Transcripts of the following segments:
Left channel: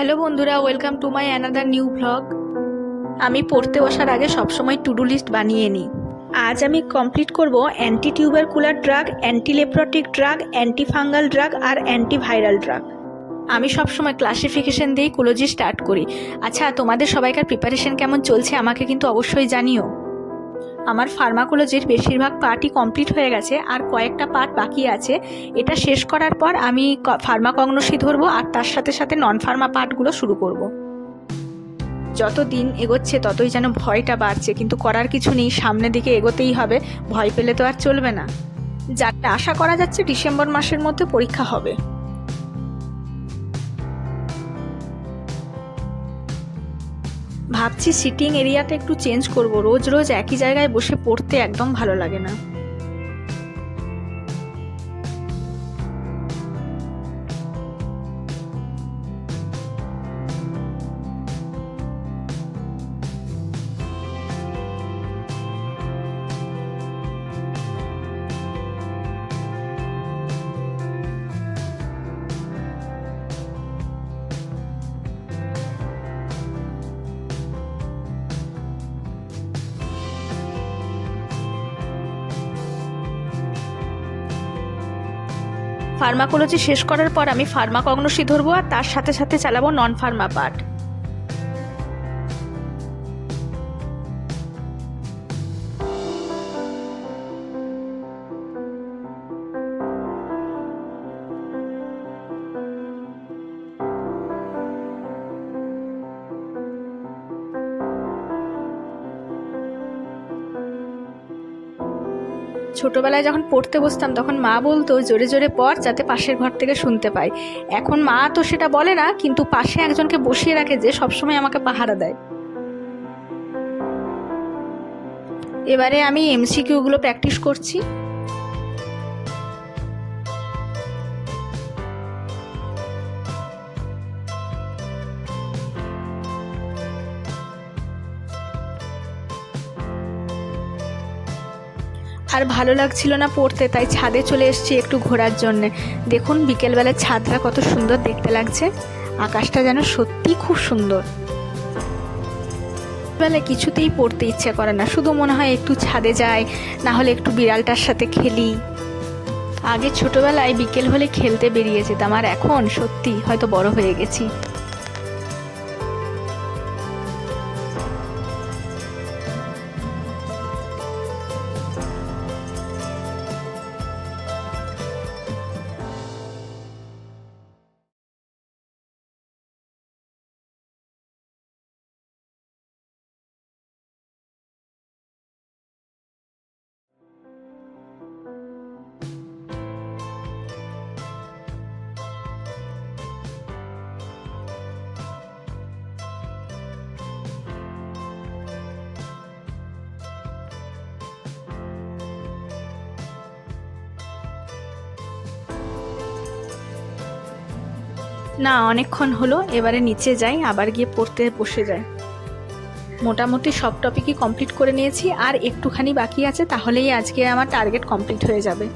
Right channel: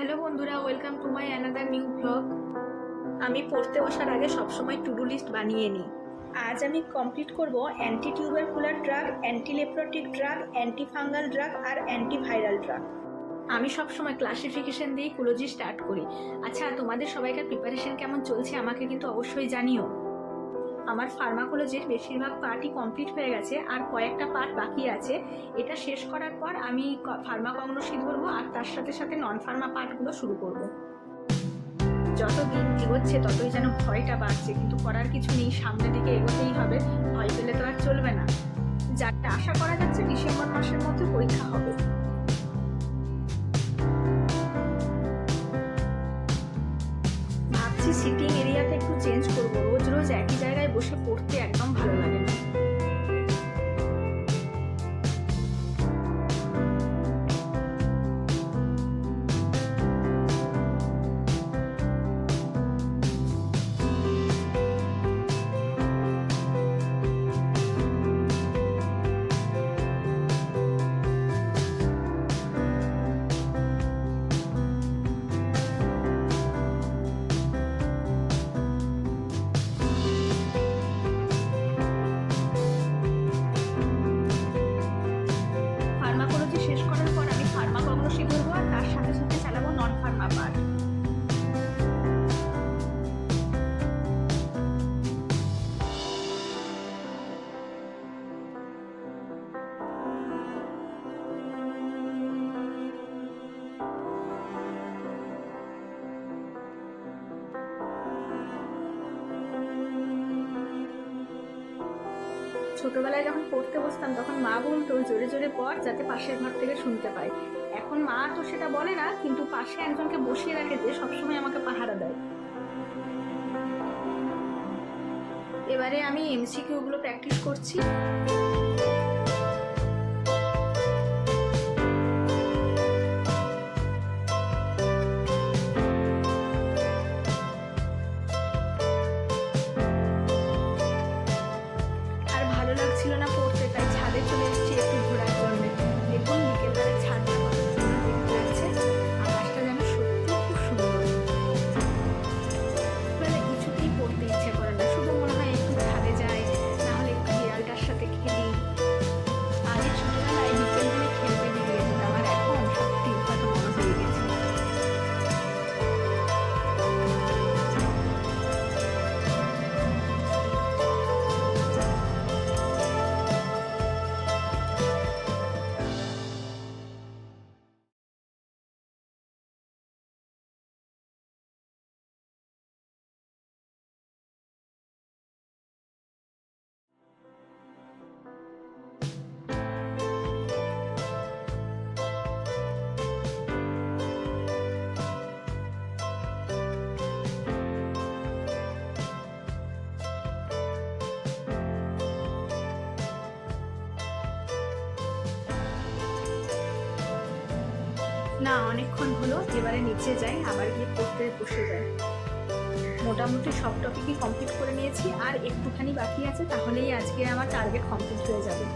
Hello বন্ধুরা, welcome to my another new blog. আমি পড়তে বসার আগে সবসময় টু ডু লিস্ট বানিয়ে নিই। আজ আমি কমপ্লিট করব anti tubercular drug, anti leprotic drug, anti fungal drug আর অ্যান্টি ভাইরাল ড্রাগ। আমি সবসময় ক্লাসিফিকেশন দিয়েই কোলজি স্টার্ট করি। আচ্ছা, তোমাদের সবাইকার প্রিপারেশন কেমন চলছে আমাকে কিন্তু অবশ্যই জানিও। আমার ফার্মাকোলজির বেশিরভাগ পার্টই কমপ্লিট হয়ে গেছে, আর কয়েকটা পার্ট বাকি আছে। এটা শেষ করার পর আমি ফার্মাকগনোসি ধরবো, আর তার সাথে সাথে নন ফার্মা পার্টগুলো শুরু করব। যত দিন এগোচ্ছে ততই যেন ভয়টা বাড়ছে, কিন্তু করার কিছু নেই, সামনের দিকে এগোতেই হবে। ভয় পেলে তো আর চলবে না। যারটা আশা করা যাচ্ছে ডিসেম্বর মাসের মধ্যে পরীক্ষা হবে। ভাবছি সিটিং এরিয়াটা একটু চেঞ্জ করব। রোজ রোজ একই জায়গায় বসে পড়তে একদম ভালো লাগে না। ফার্মাকোলজি শেষ করার পর আমি ফার্মাকগনোসি ধরবো, আর তার সাথে সাথে চালাবো নন ফার্মা পার্ট। ছোটবেলায় যখন পড়তে বসতাম তখন মা বলতো জোরে জোরে পড়, যাতে পাশের ঘর থেকে শুনতে পাই। এখন মা তো সেটা বলে না, কিন্তু পাশে একজনকে বসিয়ে রাখে যে সবসময় আমাকে পাহারা দেয়। এবারে আমি এমসিকিউগুলো প্র্যাকটিস করছি। আর ভালো লাগছিল না পড়তে, তাই ছাদে চলে এসেছি একটু ঘোরার জন্যে। দেখুন বিকেলবেলার ছাদটা কত সুন্দর দেখতে লাগছে, আকাশটা যেন সত্যি খুব সুন্দর। বেলা কিছুতেই পড়তে ইচ্ছে করে না, শুধু মনে হয় একটু ছাদে যাই, না হলে একটু বিড়ালটার সাথে খেলি। আগে ছোটবেলায় বিকেল হলে খেলতে বেরিয়ে যেতাম, আর এখন সত্যি হয়তো বড় হয়ে গেছি। না, অনেকক্ষণ হলো, এবারে নিচে যাই, আবার গিয়ে পড়তে বসে যাই। মোটামুটি সব টপিকই কমপ্লিট করে নিয়েছি, আর একটুখানি বাকি আছে, তাহলেই আজকে আমার টার্গেট কমপ্লিট হয়ে যাবে।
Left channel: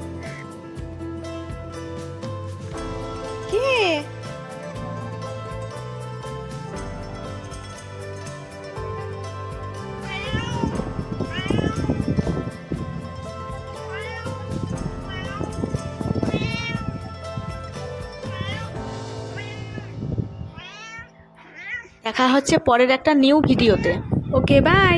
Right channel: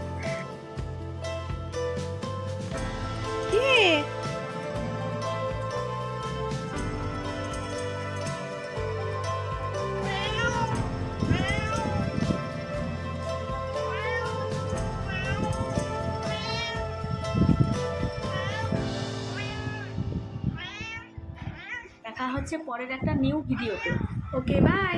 দেখা হচ্ছে পরের একটা নিউ ভিডিওতে। ওকে, বাই।